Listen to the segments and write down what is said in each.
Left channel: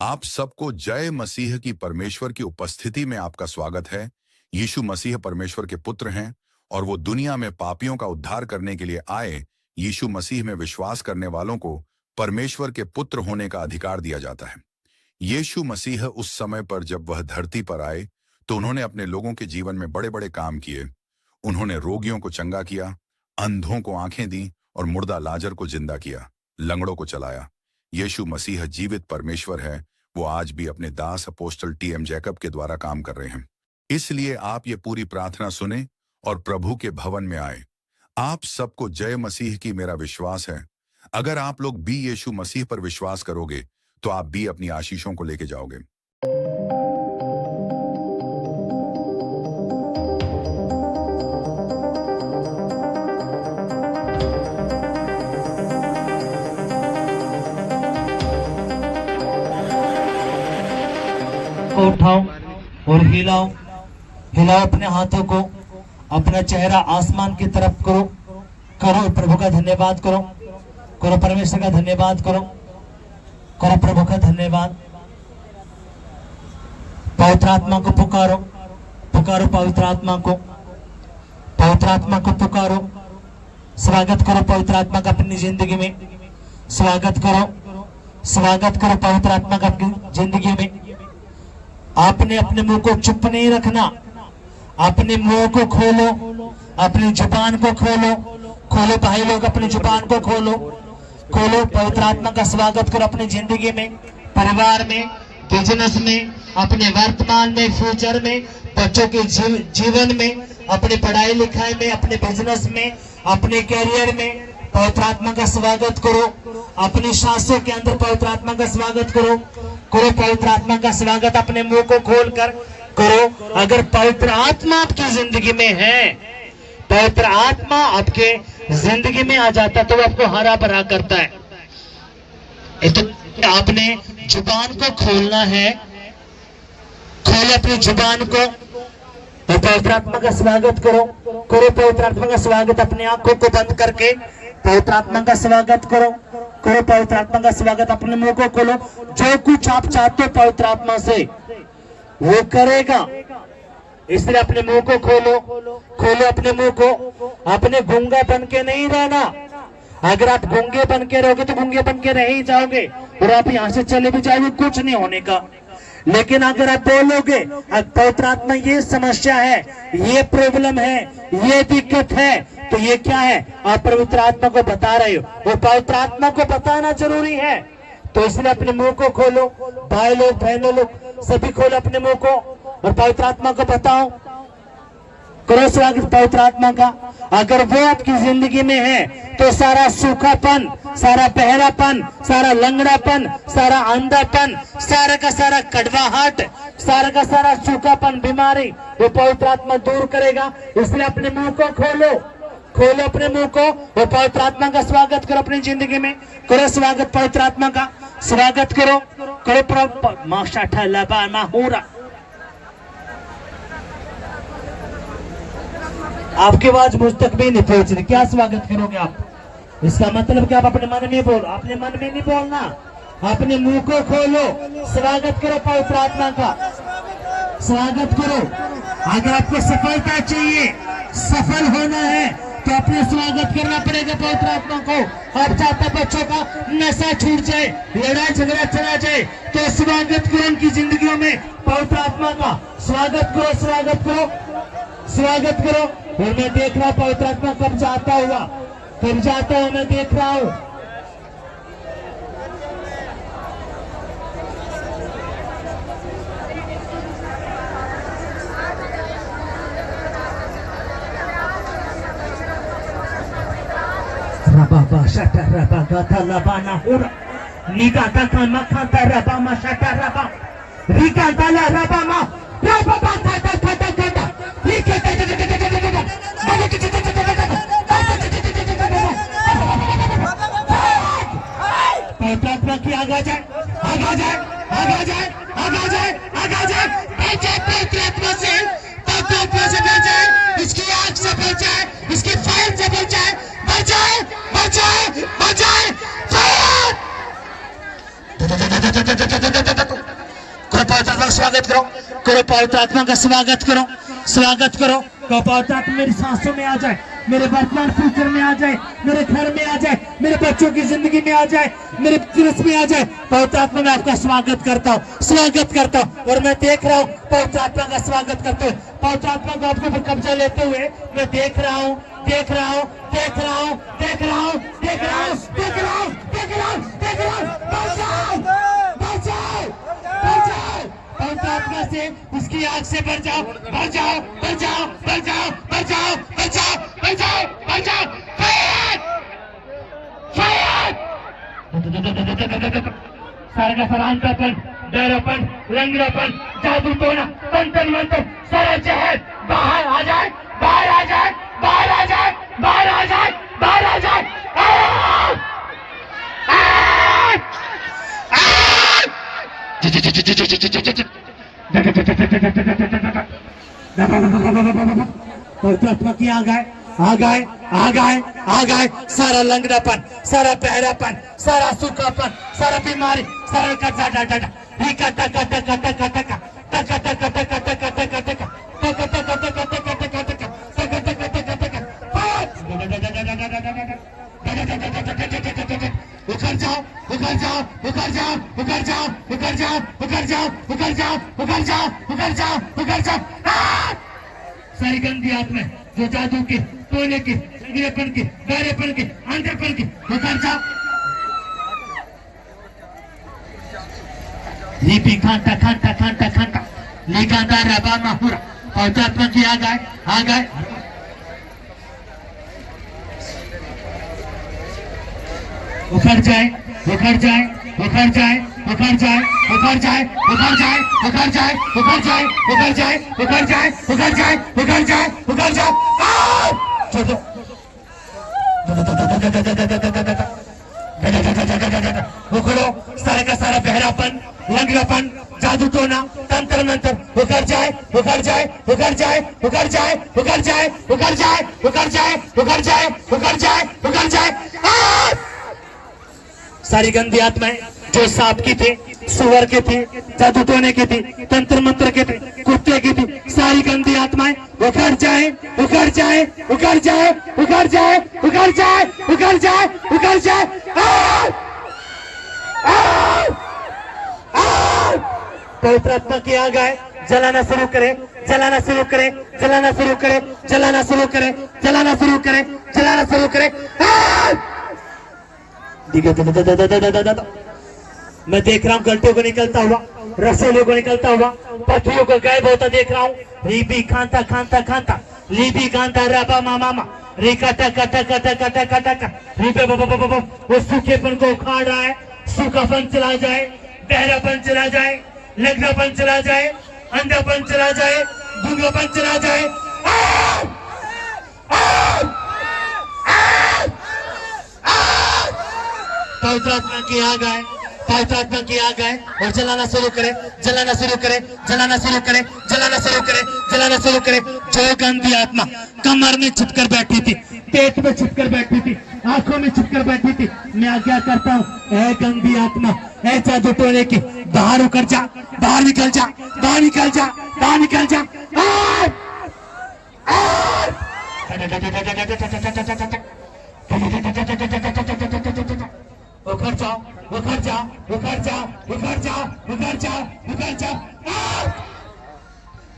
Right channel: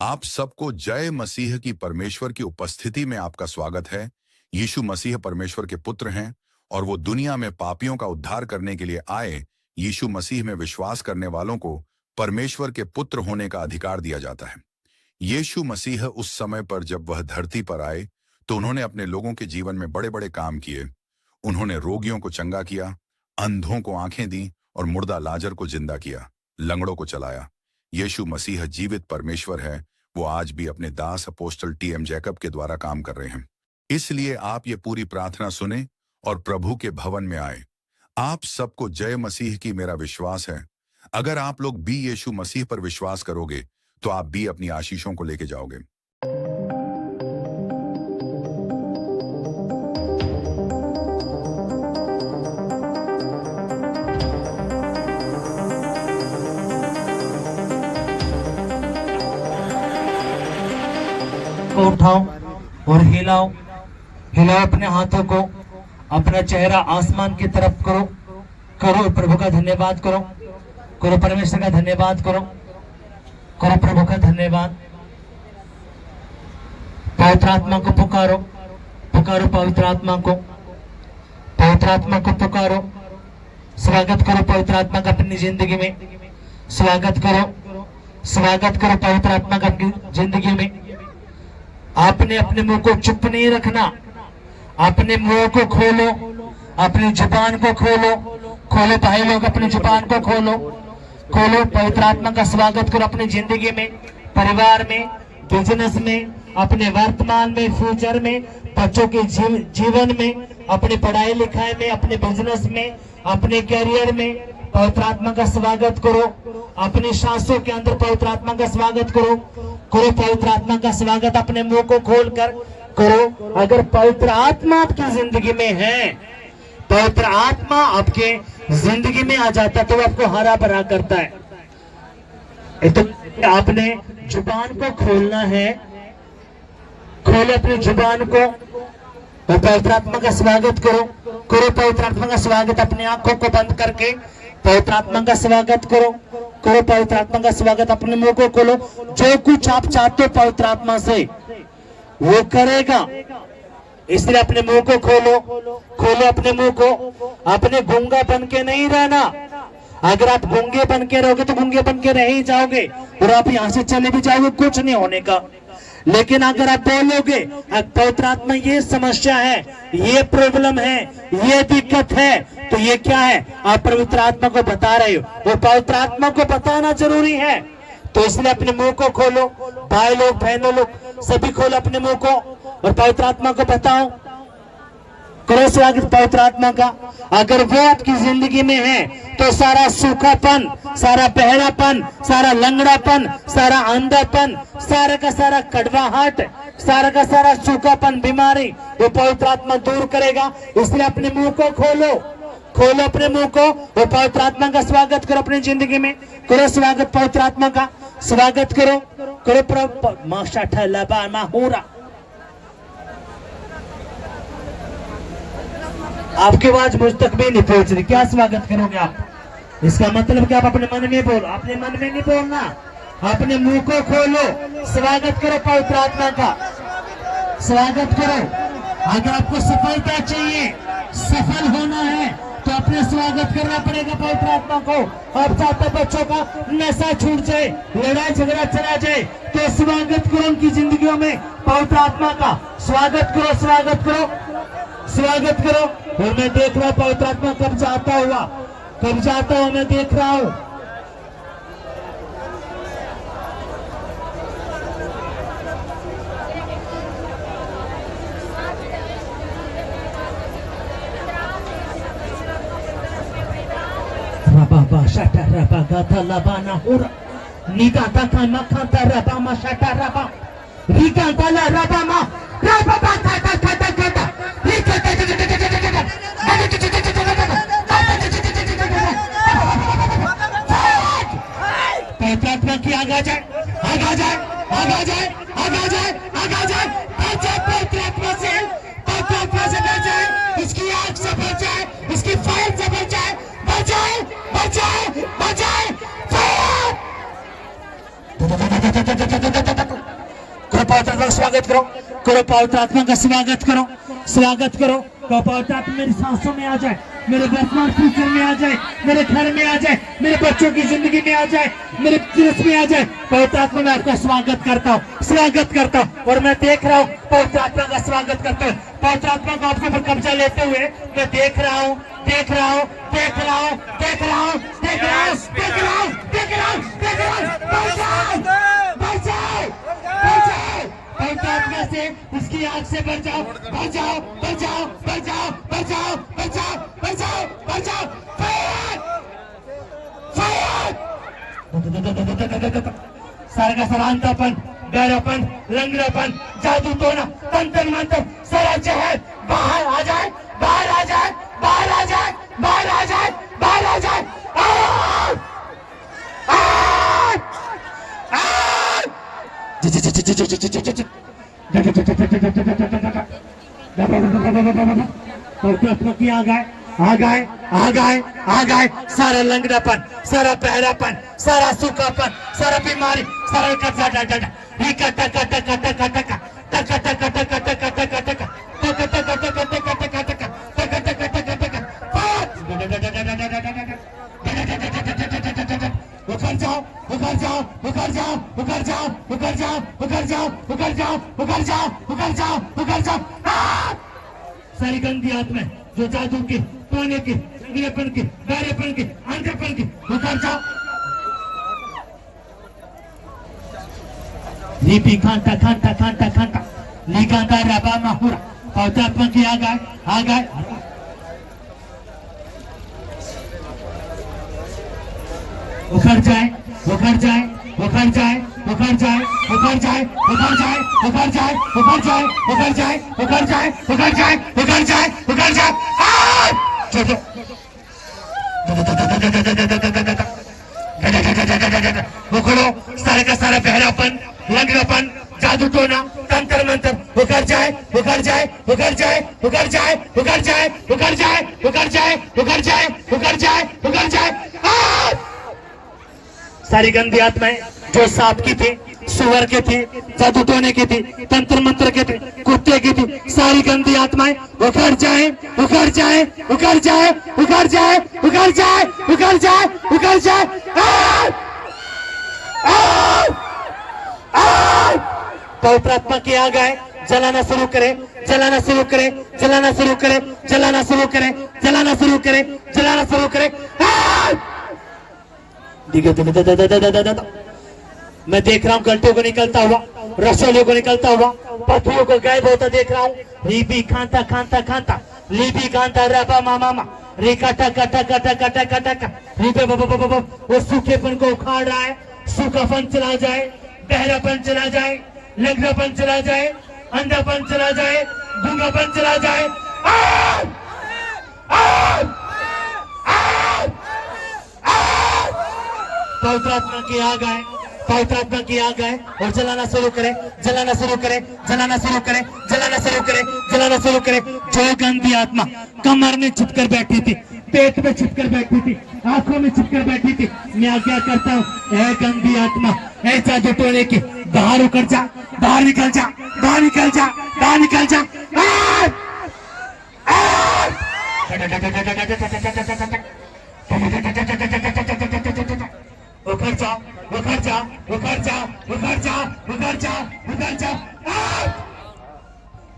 आप सबको जय मसीह की परमेश्वर की उपस्थिति में आपका स्वागत है। यीशु मसीह परमेश्वर के पुत्र हैं और वो दुनिया में पापियों का उद्धार करने के लिए आए। यीशु मसीह में विश्वास करने वालों को परमेश्वर के पुत्र होने का अधिकार दिया जाता है। यीशु मसीह उस समय पर जब वह धरती पर आए तो उन्होंने अपने लोगों के जीवन में बड़े बड़े काम किए। उन्होंने रोगियों को चंगा किया, अंधों को आंखें दी और मुर्दा लाजर को जिंदा किया, लंगड़ों को चलाया। यीशु मसीह जीवित परमेश्वर है। वो आज भी अपने दास अपोस्टल टी.एम. जैकब के द्वारा काम कर रहे हैं। इसलिए आप ये पूरी प्रार्थना सुने और प्रभु के भवन में आए। आप सबको जय मसीह की मेरा विश्वास है। अगर आप लोग भी यीशु मसीह पर विश्वास करोगे तो आप भी अपनी आशीषों को लेके जाओगे। को उठाओ और हिलाओ हिलाओ अपने हाथों को, अपना चेहरा आसमान की तरफ करो। करो प्रभु का धन्यवाद करो, करो परमेश्वर का धन्यवाद करो, करो प्रभु का धन्यवाद। पवित्र आत्मा को पुकारो, पुकारो पवित्र आत्मा को, पवित्र आत्मा को पुकारो। स्वागत करो पवित्र आत्मा का अपनी जिंदगी में, स्वागत करो, स्वागत करो पवित्र आत्मा का अपनी जिंदगी में। आपने अपने मुंह को चुप नहीं रखना, अपने मुंह को खोलो, अपनी जुबान को खोलो, खोलो भाई लोग, अपनी जुबान को खोलो, खोलो। पवित्र आत्मा का स्वागत करो अपनी जिंदगी में, परिवार में, बिजनेस में, अपने वर्तमान में, फ्यूचर में, बच्चों के जीवन में, अपने पढ़ाई लिखाई में, अपने बिजनेस में, अपने कैरियर में। पवित्र आत्मा का स्वागत करो। अपनी सांसों के अंदर पवित्र आत्मा का स्वागत करो, करो पवित्र आत्मा का स्वागत। अपने मुंह को खोलकर करो। अगर पवित्र आत्मा आपकी जिंदगी में है, पवित्र आत्मा आपके जिंदगी में आ जाता तो वो आपको हरा भरा करता है। तो आपने जुबान को खोलना है, खोलो अपनी जुबान को और पवित्र आत्मा का स्वागत करो, करो पवित्र आत्मा का स्वागत। अपनी आंखों को बंद करके पवित्र आत्मा का स्वागत करो, करो पवित्र आत्मा का स्वागत। अपने मुंह को खोलो। जो कुछ आप चाहते हो पवित्र आत्मा से वो करेगा, इसलिए अपने मुंह को खोलो, खोलो अपने मुंह को। अपने गूंगा बन के नहीं रहना। अगर आप गूंगे बन के रहोगे तो गूंगे बन के रह ही जाओगे और आप यहाँ से चले भी जाओगे, कुछ नहीं होने का। लेकिन अगर आप बोलोगे पवित्र आत्मा ये समस्या है, ये प्रॉब्लम है, ये दिक्कत है, तो ये क्या है, आप पवित्र आत्मा को बता रहे हो। वो पवित्र आत्मा को बताना जरूरी है। तो इसलिए अपने मुंह को खोलो, भाई लोग बहनों लोग सभी खोलो अपने मुंह को और पवित्र आत्मा को बताओ, करो स्वागत पवित्र आत्मा का। अगर वो आपकी जिंदगी में है तो सारा सूखापन, सारा बहरापन, सारा लंगड़ापन, सारा अंधापन, सारा का सारा कड़वाहट, सारा का सारा सूखापन, बीमारी, वो पवित्र आत्मा दूर करेगा। इसलिए अपने मुंह को खोलो, खोलो अपने मुंह को और पवित्र आत्मा का स्वागत करो अपनी जिंदगी में। करो स्वागत पवित्र आत्मा का, स्वागत करो, करो माशा ठल्ला माहूरा। आपकी आवाज मुझ तक भी नहीं पहुंच रही, क्या स्वागत करोगे आप? इसका मतलब कि आप अपने मन में बोलो, अपने मन में नहीं बोलना, अपने मुंह को खोलो, स्वागत करो पवित्र आत्मा का, स्वागत करो। अगर आपको सफलता चाहिए, सफल होना है तो अपने स्वागत करना पड़ेगा पवित्र आत्मा को। अब चाहता बच्चों का नशा छूट जाए, लड़ाई झगड़ा चला जाए, तो स्वागत करो उनकी जिंदगियों में पवित्र आत्मा का, स्वागत करो, स्वागत करो, स्वागत करो। और मैं देख रहा हूँ पवित्र आत्मा कब जाता हुआ, कब जाता हूँ मैं देख रहा हूँ। रबा शटा रबा गाता लबाना हुरा निका ताका मखा रबा मा शटा रबा रिका ताला रबा मा रबा बाता ताका ताका रिका ताका की आगे जाए, आगे जाए, आगे जाए, आगे जाए, आगे जाए, बचाए पवित्र आत्मा से, पवित्र आत्मा से बचाए, इसकी आग से बचाए, इसकी फायर से बचाए, बचाए, बचाए, बचाए, फायर। पवित्र आत्मा का स्वागत करो, करो पवित्र आत्मा का स्वागत करो, स्वागत करो। करो पवित्र आत्मा मेरी सांसों में आ जाए, मेरे वर्तमान फ्यूचर में आ जाए, मेरे घर में आ जाए, मेरे बच्चों की जिंदगी में आ जाए, मेरे बिजनेस में आ जाए। पवित्र आत्मा मैं आपका स्वागत करता हूँ, स्वागत करता हूँ। और मैं देख रहा हूँ पवित्र आत्मा का स्वागत करते हुए, पवित्र आत्मा को आपके ऊपर कब्जा लेते हुए मैं देख रहा हूँ, देख रहा हूँ, देख रहा हूँ, देख रहा हूँ, देख रहा हूँ, देख रहा हूँ, देख रहा हूँ, देख रहा हूँ। बचाओ, बचाओ, पवित्र आत्मा से उसकी आग से बचाओ, बचाओ, बचाओ, बचाओ, बचाओ, बचाओ, बचाओ, बचाओ। सारा का सारा अंधापन, डरापन, लंगड़ापन, जादू टोना, तंत्र मंत्र, सारा जहर बाहर आ जाए, बाहर आ जाए, बाहर आ जाए, बाहर आ जाए, बाहर आ जाए। आ गए, आ गए, आ गए, आ गए। सारा लंगड़ापन, सारा बहरापन, सारा सूखापन, सारा बीमारी, सारा कटा कटा कटा कटा कटा कटा कटा कटा कटा कटा कटा उखड़ जाओ, उखड़ जाओ, उखड़ जाओ, उखड़ जाओ, उखड़ जाओ, उखड़ जाओ, उखड़ जाओ, उखड़ जाओ, उखड़ जाओ, उखड़ जाओ। सारी गंदी आत्मा जो जादू की, टोने की, गिरेपन की, बहरेपन की, अंधेपन की, उखड़ जाओ। लीपी खांटा खांटा खांटा खांटा निगादा रबा माहुरा पवित्र आत्मा की आ गए, आ गए। उखड़ जाए, उखड़ जाए, उखड़ जाए, उखड़ जाए, उखड़ जाए, उखड़ जाए, उखड़ जाए, उखड़ जाए, उखड़ जाए, उखड़ जाए, उखड़ जाए, उखड़ जाए, उखड़ जाए। उखड़ो, सारे का सारा बहरापन, लंगड़ापन, जादू टोना, तंत्र मंत्र, उखड़ जाए, उखड़ जाए, उखड़ जाए, उखड़ जाए, उखड़ जाए, उखड़ जाए, उखड़ जाए, उखड़ जाए, उखड़ जाए, उखड़ जाए। सारी गंदी आत्माएं जो सांप की थी, सुअर की थी, जादू टोने की थी, तंत्र मंत्र की थी, कुत्ते की थी, सारी गंदी आत्माएं उखड़ जाए, उखड़ जाए, उखड़ जाए, उखड़ जाए, उखड़ जाए, उखड़ जाए, उखड़ जाए। पवित्र आत्मा की आ गए, जलाना शुरू करे, जलाना शुरू करे, जलाना शुरू करे, जलाना शुरू करे, जलाना शुरू करे, जलाना शुरू करे। मैं देख रहा हूँ गलटों को निकलता हुआ, रसोलियों को निकलता हुआ, पत्थरों को गायब होता देख रहा हूँ। रीबी खांता खांता खांता, लीबी खांता रबा मामा मा, री कटा कटा कटा कटा कटा कटा, रीबे वो सूखेपन को उखाड़ रहा है, सूखापन चला जाए, बहरापन चला जाए, लंगड़ापन चला जाए, अंधापन चला जाए, गूंगापन चला जाए। पवित्र आत्मा की आ गए, पवित्र आत्मा की आ गए और जलाना शुरू करे, जलाना शुरू करे, जलाना शुरू करे, जलाना शुरू करे, जलाना शुरू करे। जो गंदी आत्मा कमर में छिपकर बैठी थी, पेट में छिपकर बैठी थी, आंखों में छिपकर बैठी थी, मैं आज्ञा करता हूँ, ऐ गंदी आत्मा, ऐ जादू टोने की, बाहर उखड़ जा, बाहर निकल जा, बाहर निकल जा, बाहर निकल जा। उखड़ जाओ, उखड़ जाओ, उखड़ जाओ, उखड़ जाओ, उखड़ जाओ, उखड़ जाओ।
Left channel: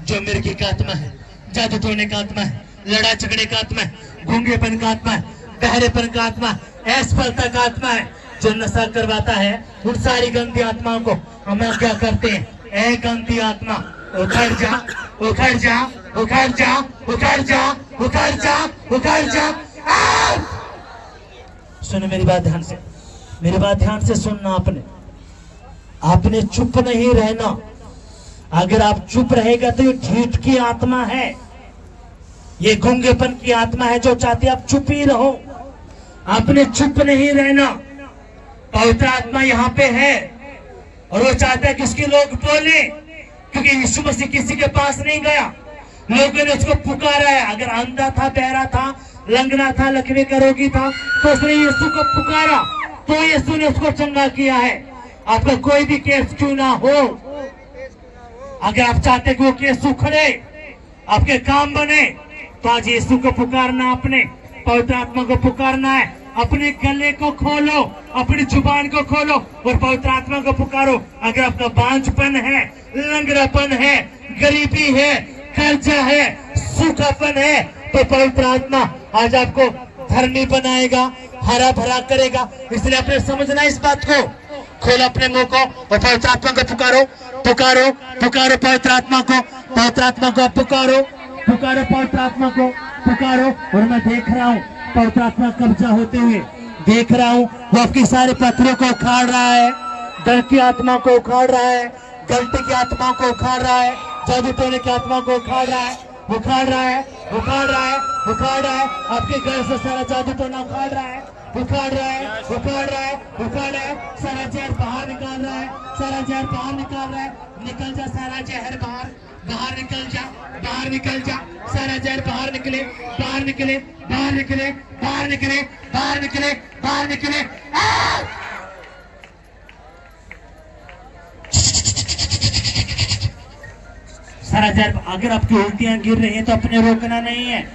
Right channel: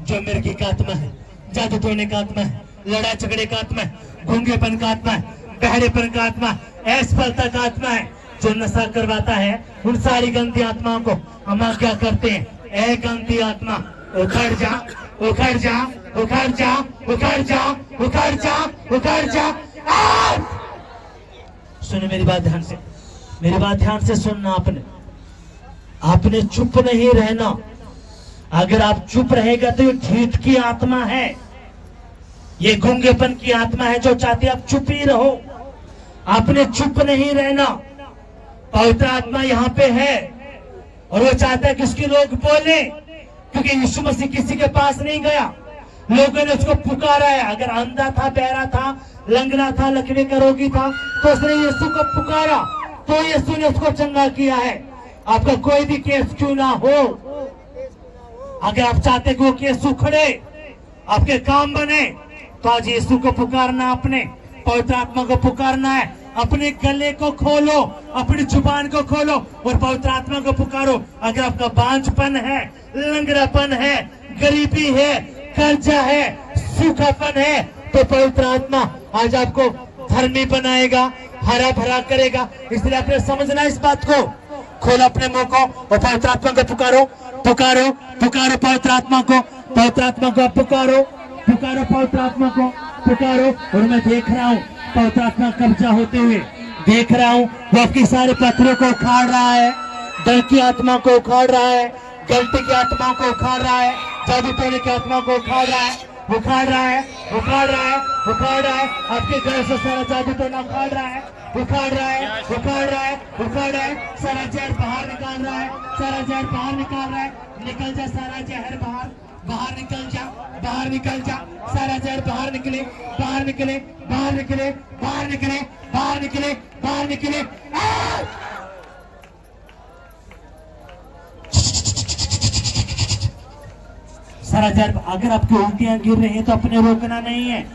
जो मिर्गी का आत्मा है, जादू टोने का आत्मा है, लड़ा झगड़े का आत्मा है, गूंगेपन का आत्मा है, बहरेपन का आत्मा, असफलता का आत्मा है, जो नशा करवाता है, उन सारी गंदी आत्माओं को हम क्या करते हैं? ऐ गंदी आत्मा उखड़ जा, उखड़ जा, उखड़ जा, उखड़ जा, उखड़ जा, उखड़ जा। सुनो मेरी बात ध्यान से, मेरी बात ध्यान से सुनना। आपने चुप नहीं रहना। अगर आप चुप रहेगा तो ये झूठ की आत्मा है, ये गूंगेपन की आत्मा है जो चाहती है आप चुप ही रहो। आपने चुप नहीं रहना। पवित्र आत्मा यहाँ पे है और वो चाहता है कि उसके लोग बोले, क्योंकि यीशु मसीह किसी के पास नहीं गया, लोगों ने उसको पुकारा है। अगर अंधा था, बहरा था, लंगड़ा था, लकवे का रोगी था, तो उसने यीशु को पुकारा तो यीशु ने उसको चंगा किया है। आपका कोई भी केस क्यों ना हो, अगर आप चाहते हैं कि वो केस उखड़े, आपके काम बने, तो आज यीशु को पुकारना, अपने पवित्र आत्मा को पुकारना है। अपने गले को खोलो, अपनी जुबान को खोलो और पवित्र आत्मा को पुकारो। अगर आपका बांझपन है, लंगड़ापन है, गरीबी है, कर्जा है, सूखापन है, तो पवित्र आत्मा आज आपको धर्मी बनाएगा, हरा भरा करेगा। इसलिए आपने समझना इस बात को। खोलो अपने मुंह को और पवित्र आत्मा को पुकारो, पुकारो, पुकारो पवित्र आत्मा को, पवित्र आत्मा को पुकारो, पुकारो पवित्र आत्मा को, पुकारो। और मैं देख रहा हूँ पवित्र आत्मा कब्जा होते हुए, देख रहा हूँ वो आपके सारे पत्थरों को उखाड़ रहा है, डर की आत्मा को उखाड़ रहा है, गलती की आत्मा को उखाड़ रहा है, जादू टोने की आत्मा को उखाड़ रहा है, उखाड़ रहा है, उखाड़ रहा है, उखाड़ रहा है। आपके घर से सारा जादू टोना उखाड़ रहा है, उखाड़ रहा है, उखाड़ रहा है, उखाड़ रहा है। सारा जहर बाहर निकाल रहा है, सारा जहर बाहर निकाल रहा है। निकल जा सारा जहर बाहर, बाहर निकल जा, बाहर निकल जा। सारा जहर बाहर निकले, बाहर निकले, बाहर निकले, बाहर निकले, बाहर निकले, बाहर निकले। सारा जहर, अगर आपकी उल्टियां गिर रही है तो अपने रोकना नहीं है,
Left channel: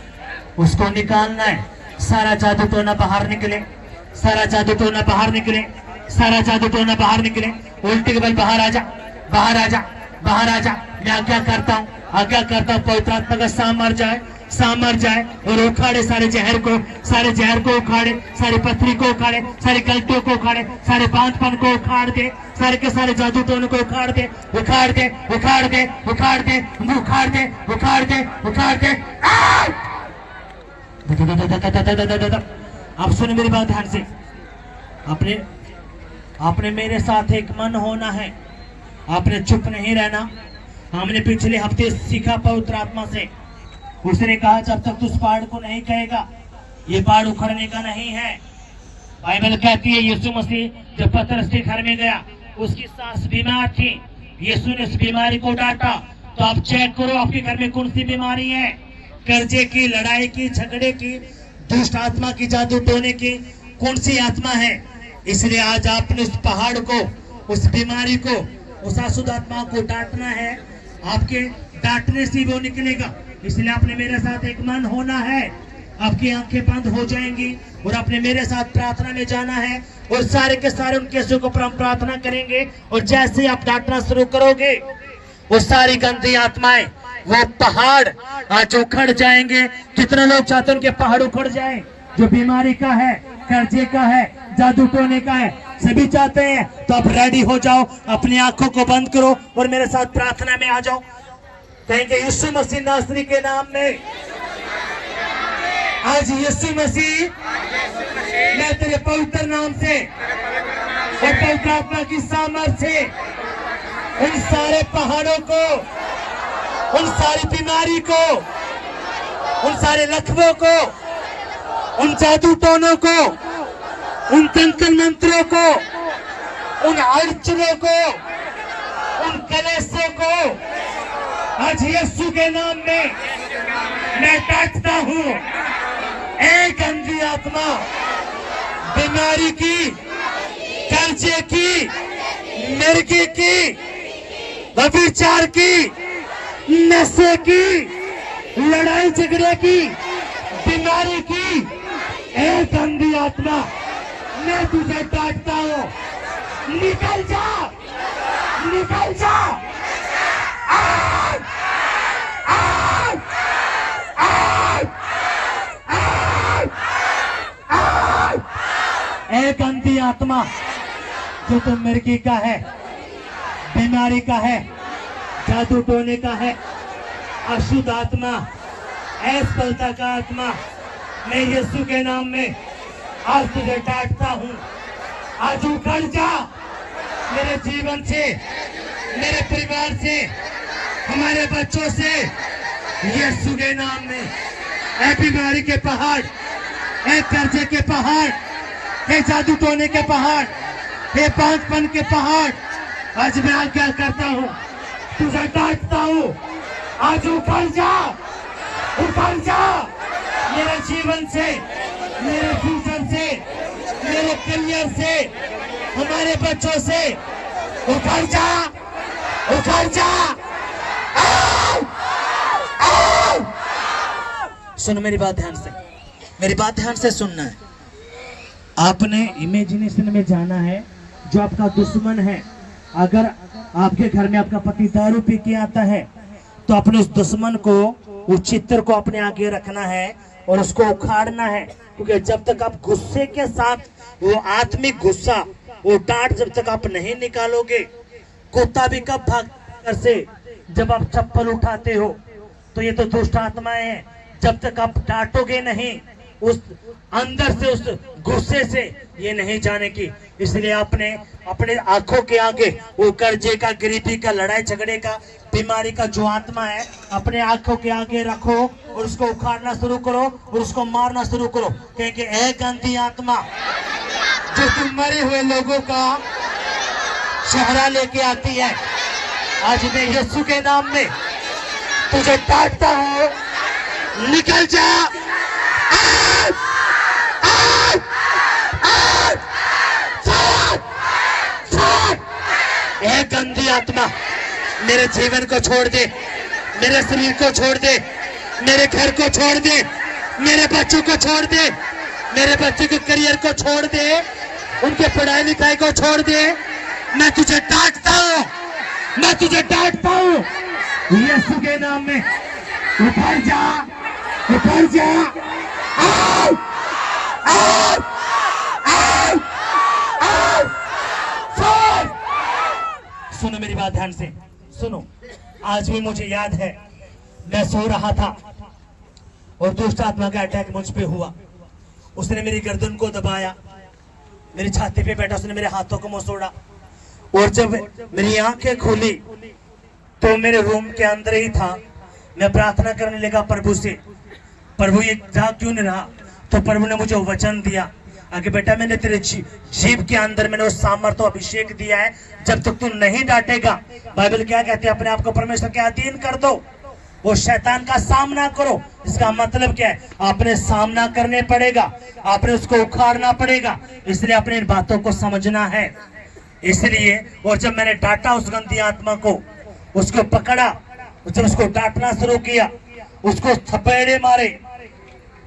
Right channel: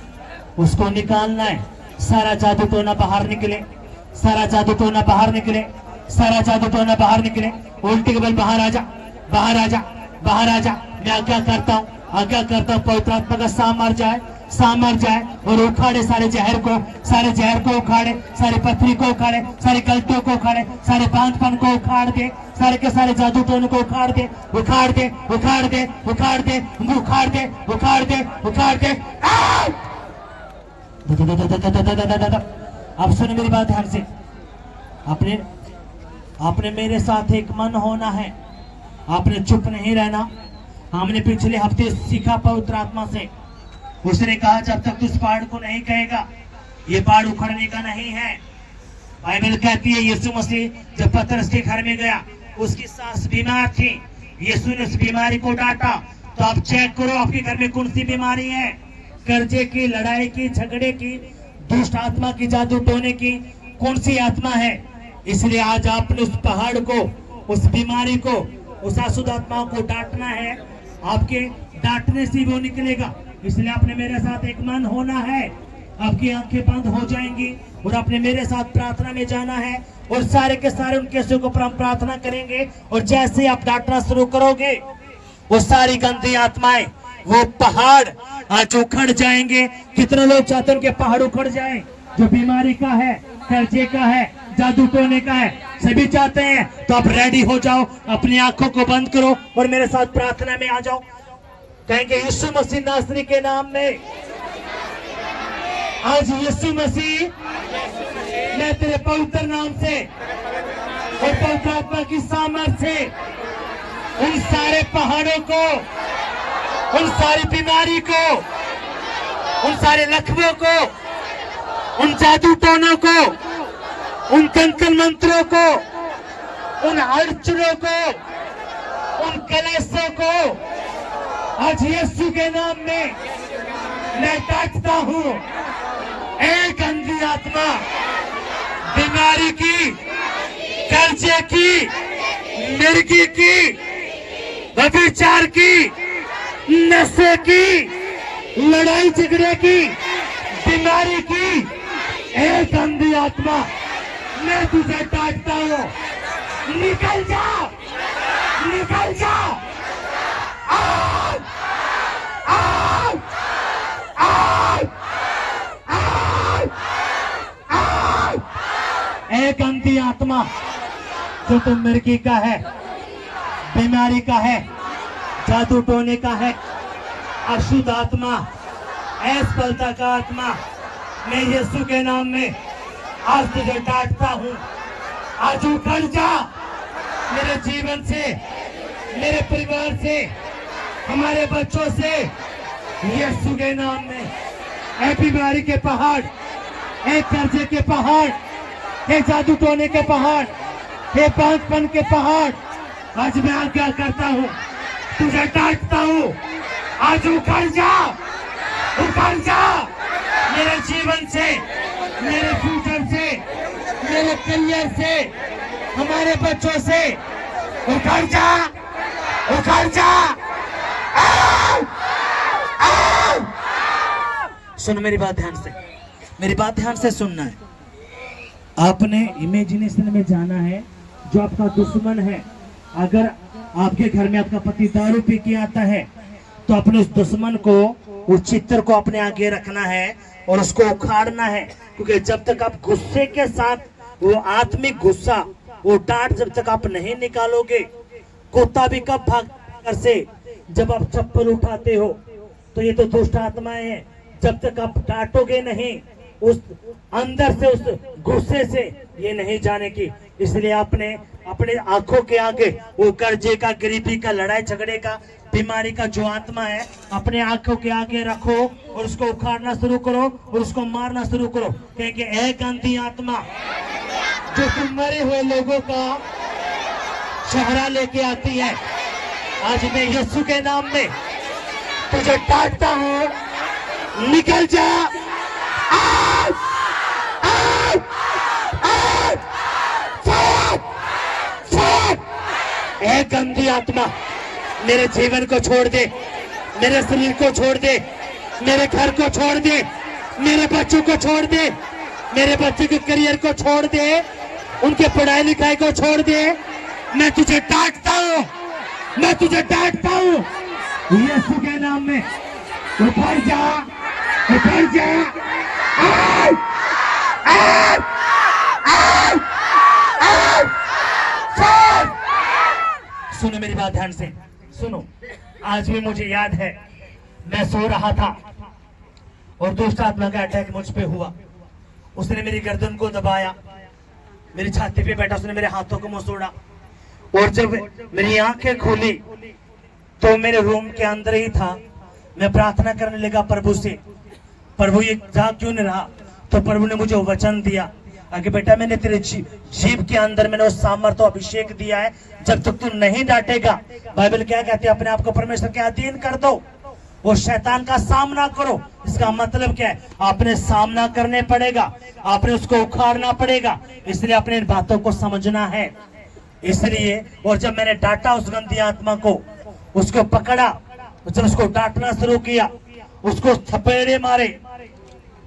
उसको निकालना है। सारा जादू टोना बाहर निकले, सारा जादू टोना बाहर निकले, सारा जादू टोना बाहर निकले। उल्टी के बल बाहर आ जा, बाहर आ जा, बाहर आ जा। मैं आज्ञा करता हूँ, आज्ञा करता हूँ पवित्र आत्मा का साम मर जाए, साम मर जाए और उखाड़े सारे जहर को, सारे जहर को उखाड़े, सारी पथरी को उखाड़े, सारी गलतियों को उखाड़े, सारे बांझपन को उखाड़ दे, सारे के सारे जादू टोने को उखाड़ दे, उखाड़ दे, उखाड़ दे, उखाड़ दे, उखाड़ दे, उखाड़ दे, उखाड़ दे। आप सुनो मेरी बात ध्यान से। आपने आपने मेरे साथ एक मन होना है, आपने चुप नहीं रहना। हमने पिछले हफ्ते सीखा पवित्र आत्मा से, उसने कहा जब तक तू उस पहाड़ को नहीं कहेगा, ये पहाड़ उखड़ने का नहीं है। बाइबल कहती है यीशु मसीह जब पतरस के घर में गया, उसकी सास बीमार थी, यीशु ने उस बीमारी को डांटा। तो आप चेक करो आपके घर में कौन सी बीमारी है, कर्जे की, लड़ाई की, झगड़े की, दुष्ट आत्मा की, जादू टोने की, कौन सी आत्मा है। इसलिए आज आपने उस पहाड़ को, उस बीमारी को, उस अशुद्ध आत्मा को डांटना है। आपके डांटने से वो निकलेगा। इसलिए आपने मेरे साथ एक मन होना है। आपकी आंखें बंद हो जाएंगी और आपने मेरे साथ प्रार्थना में जाना है और सारे के सारे उनके केसों को प्रार्थना करेंगे। और जैसे आप डांटना शुरू करोगे, वो सारी गंदी आत्माएं, वो पहाड़ आज उखड़ जाएंगे। कितने लोग चाहते हैं उनके पहाड़ उखड़ जाएं? जो बीमारी का है, कर्जे का है, जादू टोने का है, सभी चाहते हैं। तो आप रेडी हो जाओ, अपनी आंखों को बंद करो और मेरे साथ प्रार्थना में आ जाओ। कहेंगे यीशु मसीह नासरी के नाम में, आज यीशु मसीह मैं तेरे पवित्र नाम से और पवित्र आत्मा की सामर्थ से उन सारे पहाड़ों को, उन सारी बीमारी को, उन सारे लखवों को, उन जादू टोनों को, उन कंकड़ मंत्रों को, उन अड़चनों को, उन कलेशों को आज यीशु के नाम में मैं डांटता हूँ। एक गंदी आत्मा, बीमारी की, कर्जे की, मिर्गी की, व्यभिचार की, नशे की, लड़ाई झगड़े की, बीमारी की, एक गंदी आत्मा मैं तुझे डांटता हूँ। निकल जा, निकल जा। आग! आग! आग! आग! आग! एक गंदी आत्मा जो तुम मिर्गी का है, बीमारी का है, जादू टोने का है, अशुद्ध आत्मा, असफलता का आत्मा, मैं यीशु के नाम में आज तुझे डांटता हूँ। आज उखड़ जा मेरे जीवन से, मेरे परिवार से, हमारे बच्चों से, यीशु के नाम में। ऐ बीमारी के पहाड़, ऐ कर्जे के पहाड़, ऐ जादू टोने के पहाड़, ऐ बांझपन के पहाड़, आज मैं आज्ञा करता हूँ, तुझे डांटता हूँ। आज उखड़ जा, उखड़ जा मेरे जीवन से, मेरे फ्यूचर से, मेरे करियर से, हमारे बच्चों से। उखड़ जा, उखड़ जा, सुन मेरी बात ध्यान से, मेरी बात ध्यान से सुनना है। आपने इमेजिनेशन में जाना है, जो आपका दुश्मन है, अगर आपके घर में आपका पति दारू पी के आता है तो अपने उस दुश्मन को, उस चित्र को अपने आगे रखना है और उसको उखाड़ना है। क्योंकि जब तक आप गुस्से के साथ वो आत्मिक गुस्सा, वो डांट जब तक आप नहीं निकालोगे, कुत्ता भी कब भाग घर से, जब आप चप्पल उठाते हो। तो ये तो दुष्ट आत्माएं हैं, जब तक आप डांटोगे नहीं, उस अंदर से उस गुस्से से ये नहीं जाने की। इसलिए आपने अपने आंखों के आगे वो कर्जे का, गरीबी का, लड़ाई झगड़े का, बीमारी का जो आत्मा है, अपने आंखों के आगे रखो और उसको उखाड़ना शुरू करो और उसको मारना शुरू करो। क्योंकि ऐ गंदी आत्मा जो तुम मरे हुए लोगों का चेहरा लेके आती है, आज मैं यीशु के नाम में तुझे डांटता हूँ, निकल जा। आज! आज! आज! साथ! साथ! ऐ गंदी आत्मा मेरे जीवन को छोड़ दे, मेरे शरीर को छोड़ दे, मेरे घर को छोड़ दे, मेरे बच्चों को छोड़ दे, मेरे बच्चे के करियर को छोड़ दे, उनके पढ़ाई लिखाई को छोड़ दे। मैं तुझे डांटता हूँ, मैं तुझे डांटता हूँ यीशु के नाम में। उतर जा, उतर जा। आओ, आओ, आओ, आओ, आओ। सुनो मेरी बात ध्यान से सुनो। आज भी मुझे याद है, मैं सो रहा था और दुष्ट आत्मा का अटैक मुझ पे हुआ। उसने मेरी गर्दन को दबाया, मेरी छाती पे बैठा, उसने मेरे हाथों को मसोड़ा और जब मेरी आंखें खुली तो मेरे रूम के अंदर ही था। मैं प्रार्थना करने लगा प्रभु से, प्रभु ये जा क्यों नहीं रहा? तो प्रभु ने मुझे वचन दिया, अगर बेटा मैंने तेरे जीव के अंदर मैंने उस सामर्थ्य अभिषेक दिया है, जब तक तू नहीं डांटेगा, बाइबल क्या कहती है, अपने आप को परमेश्वर के अधीन कर दो, वो शैतान का सामना करो। इसका मतलब क्या है? आपने सामना करने पड़ेगा, आपने उसको उखाड़ना पड़ेगा। इसलिए अपने इन बातों को समझना है। इसलिए और जब मैंने डांटा उस गंदी आत्मा को, उसको पकड़ा, उसको डांटना शुरू किया, उसको थपेड़े मारे,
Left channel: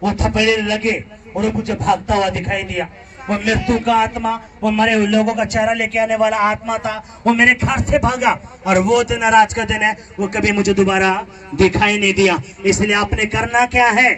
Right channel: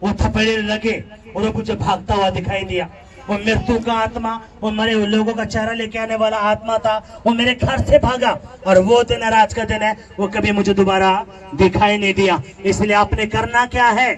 वो थपेड़े लगे और वो मुझे भागता हुआ दिखाई दिया। वो मृत्यु का आत्मा, वो मरे हुए लोगों का चेहरा लेके आने वाला आत्मा था, वो मेरे घर से भागा और वो दिन आज का दिन है, वो कभी मुझे दोबारा दिखाई नहीं दिया। इसलिए आपने करना क्या है?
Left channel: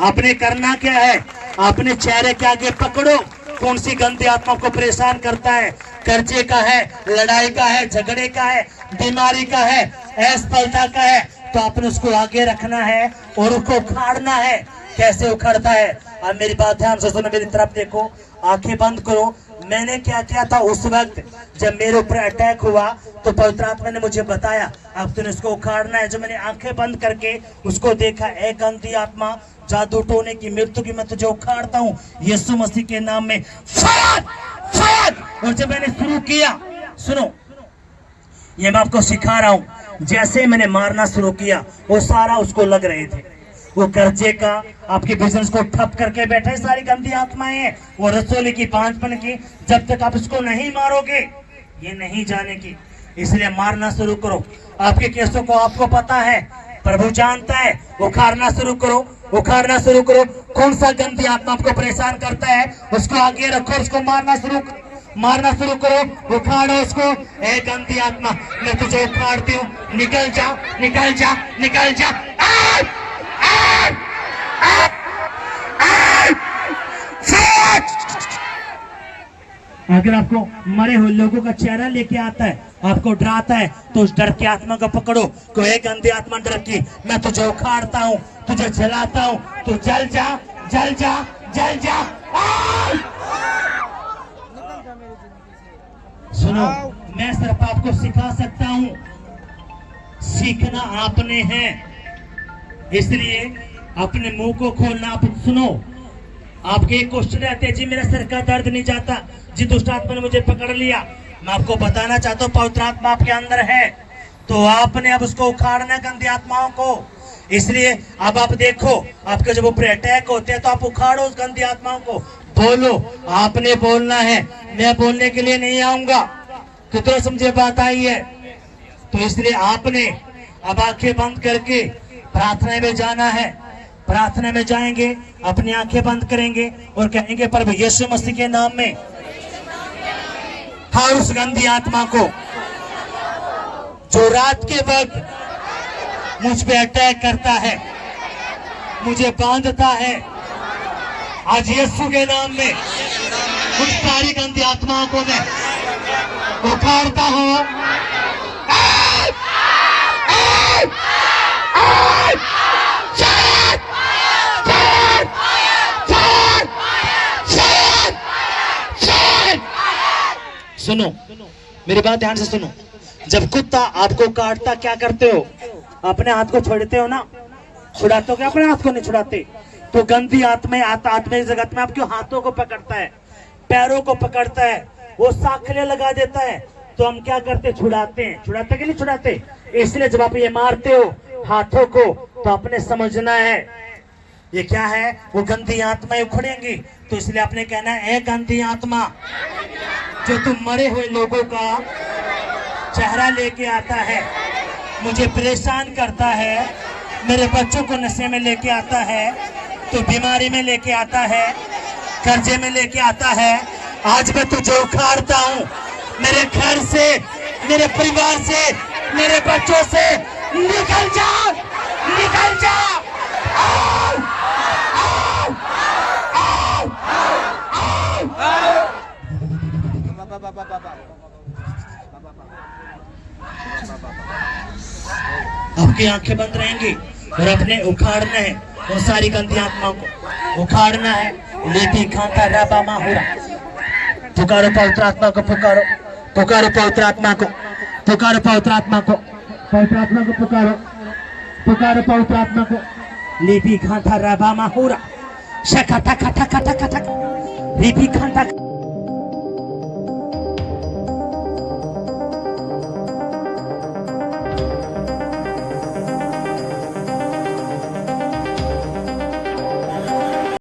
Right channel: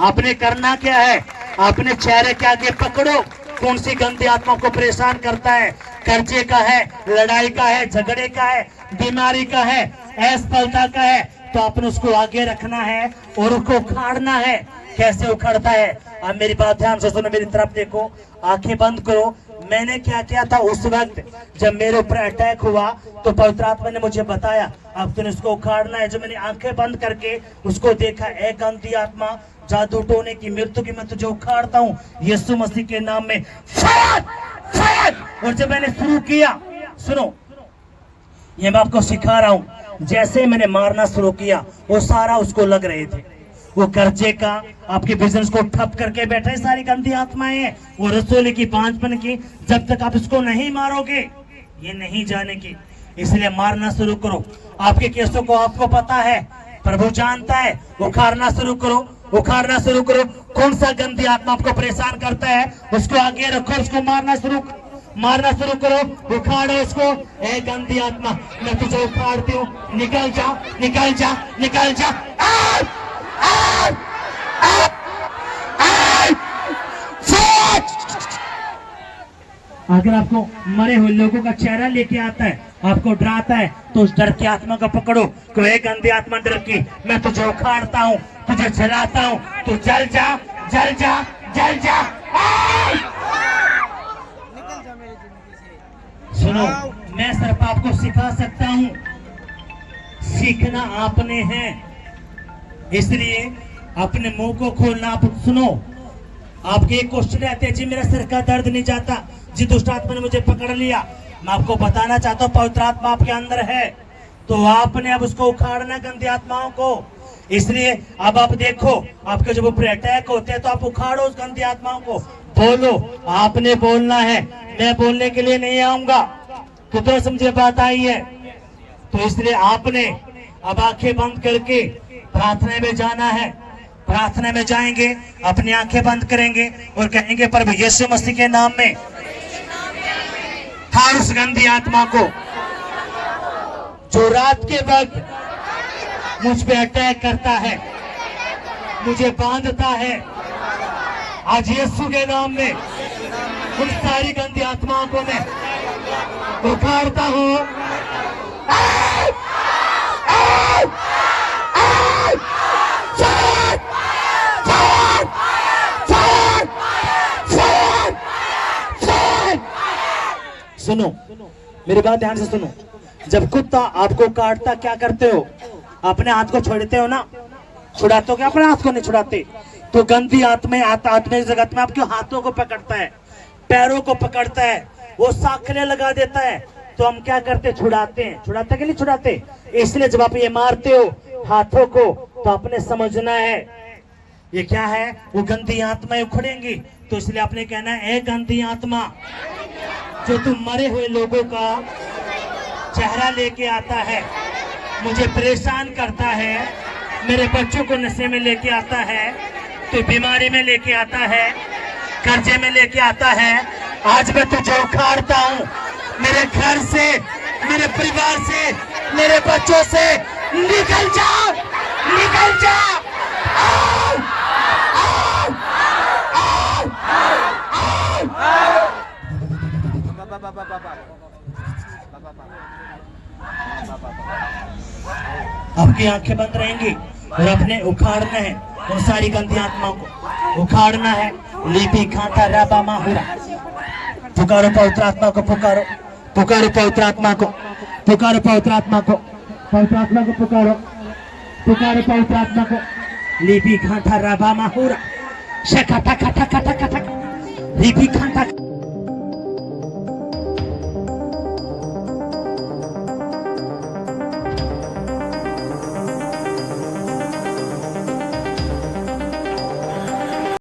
आपने करना क्या है? आपने चेहरे के आगे पकड़ो कौन सी गंदी आत्मा को परेशान करता है। कर्जे का है, लड़ाई का है, झगड़े का है, बीमारी का है, असफलता का है, तो आपने उसको आगे रखना है और उसको उखाड़ना है। कैसे उखड़ता है? अब मेरी बात ध्यान से सुनो, मेरी तरफ देखो, आंखें बंद करो। मैंने क्या किया था उस वक्त जब मेरे ऊपर अटैक हुआ, तो पवित्र आत्मा ने मुझे बताया अब तूने उसको उखाड़ना है। जो मैंने आंखें बंद करके उसको देखा, ए गंदी आत्मा, जादू टोने की, मृत्यु की, मैं तुझे उखाड़ता हूँ यीशु मसीह के नाम में, फट फट। और जब मैंने शुरू किया, सुनो ये मैं आपको सिखा रहा हूँ, जैसे मैंने मारना शुरू किया वो सारा उसको लग रहे थे। वो कर्जे का, आपके बिजनेस को ठप करके बैठे सारी गंदी आत्माएं हैं, वो रसोली की, बांझपन की, जब तक आप इसको नहीं मारोगे ये नहीं जाने की। इसलिए मारना शुरू करो। आपके केसों को आपको पता है, प्रभु जानता है। उखाड़ना शुरू करो, उखाड़ना शुरू करो। कौन सा गंदी आत्मा आपको परेशान करता है उसको आगे रखो, उसको मारना शुरू करो, उखाड़ो उसको। ए गंदी आत्मा, मैं तुझे उखाड़ती हूँ, निकल जा, निकल जा, निकल जा। अगर आपको मरे हुए लोगों का चेहरा लेके आता है, आपको डराता है, तो उस डर की आत्मा को पकड़ो। को एक गंदी आत्मा डर की, मैं तुझे उखाड़ता हूँ, तुझे जलाता हूँ, तू जल जा, जल जा, जल जा। सुनो, मैं सिर्फ आपको सिखा सकता हूँ, सीखना आपने है। इसलिए अपने मुंह को खोलना। आप सुनो, आपके क्वेश्चन रहते हैं, जी मेरा सिर का दर्द नहीं जाता, जी दुष्ट आत्मा ने मुझे पकड़ लिया। मैं आपको बताना चाहता हूँ, पवित्र आत्मा आपके अंदर है, तो आपने अब उसको उखाड़ना है गंदी आत्माओं को। इसलिए अब आप देखो, आपके जब ऊपर अटैक होते हैं तो आप उखाड़ो उस गंदी आत्माओं को, बोलो। आपने बोलना है, मैं बोलने के लिए नहीं आऊंगा। तो समझे बात आई है? तो इसलिए आपने अब आंखें बंद करके प्रार्थना में जाना है। प्रार्थना में जाएंगे, अपनी आंखें बंद करेंगे और कहेंगे प्रभु यीशु मसीह के नाम में हर उस गंदी आत्मा को जो रात के वक्त मुझ पे अटैक करता है, मुझे बांधता है, आज यीशु के नाम में उन सारी गंदी आत्माओं को मैं उखाड़ता हूं। सुनो, मेरी बात ध्यान से सुनो। जब कुत्ता आपको काटता क्या करते हो? अपने हाथ को छोड़ते हो ना? छुड़ाते हो क्या? अपने हाथ को नहीं छुड़ाते। तो गंदी आत्मा आत्मा इस जगत में आपके हाथों को पकड़ता है, पैरों को पकड़ता है, वो साखने लगा देता है। तो हम क्या करते? छुड़ाते हैं। छुड़ाते कि नहीं छुड़ाते? इसलिए जब आप ये मारते हो हाथों को तो आपने समझना है ये क्या है, वो गंदी आत्माएं उखड़ेंगी। तो इसलिए आपने कहना है, ए गंदी आत्मा जो तुम मरे हुए लोगों का चेहरा लेके आता है, मुझे परेशान करता है, मेरे बच्चों को नशे में लेके आता है, तो बीमारी में लेके आता है, कर्जे में लेके आता है, आज मैं तुझे उखाड़ता हूँ। मेरे घर से, मेरे परिवार से, मेरे बच्चों से निकल जा, निकल जा। आपकी आंखें बंद रहेंगी और अपने उखाड़ना है वो सारी गंदी आत्माओं को उखाड़ना है। लेपी खाता राबा माहुरा, पुकारो पवित्र आत्मा को, पुकारो, पुकारो पवित्र आत्मा को, पुकारो पवित्र आत्मा को, पवित्र आत्मा को पुकारो, पुकारो पवित्र आत्मा को। लेपी खाता राबा माहुरा, शका ठका ठका ठका ठका, लेपी खाता